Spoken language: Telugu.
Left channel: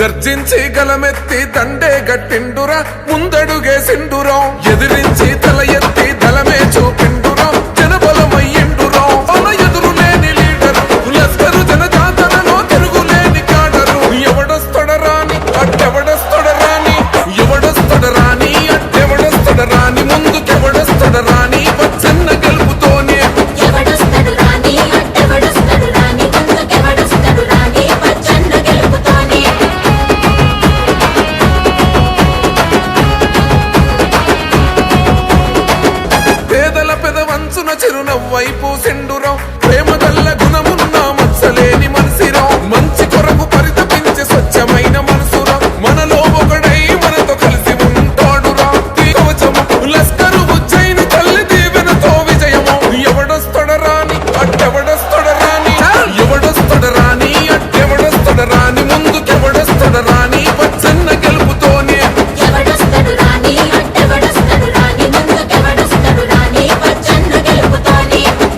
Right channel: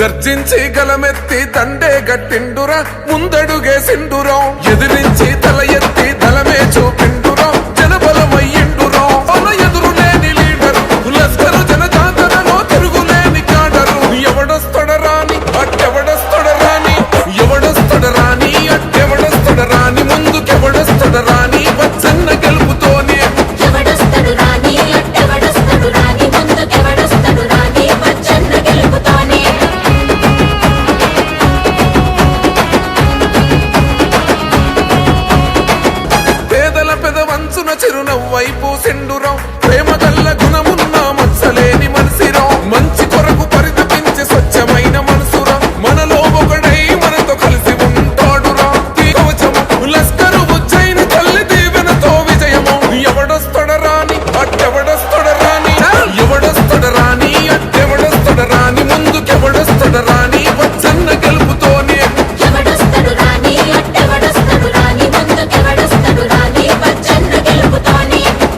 గర్జించి గలమెత్తి దండే గట్టిండురా ముందడుగేసిండురం. ఎదిరించి తల ఎత్తి దళమే చూపిండురా జనబలమయ్యిండురం. మన ఎదురులేని లీడరు లస్కరు జనజాతరలో తిరుగులేని కాడరు ఎవడొస్తడరాని అట్టెవడొస్తడరాని ఎవడొస్తడరాని అట్టెవడొస్తడరాని ముందుకెవడొస్తడరాని పచ్చన్న గెలుపుతోనే పెదవంచున చిరునవ్వైపు సెండురం ప్రేమ గల్ల గుణమున్న మచ్చలేని మనసిరం మంచి కొరకు పరితపించే స్వచ్ఛమైన మనసురం. మనలో ఒకడై మనతో కలిసి ఉంటాడురా. ఈ కవచము లస్కరు ఉజ్జయిని తల్లి దీవెనతో విజయము. ఎవడొస్తడరాని అట్టెవడొస్తడరాని ఎవడొస్తడరాని అట్టెవడొస్తడరాని ముందుకెవడ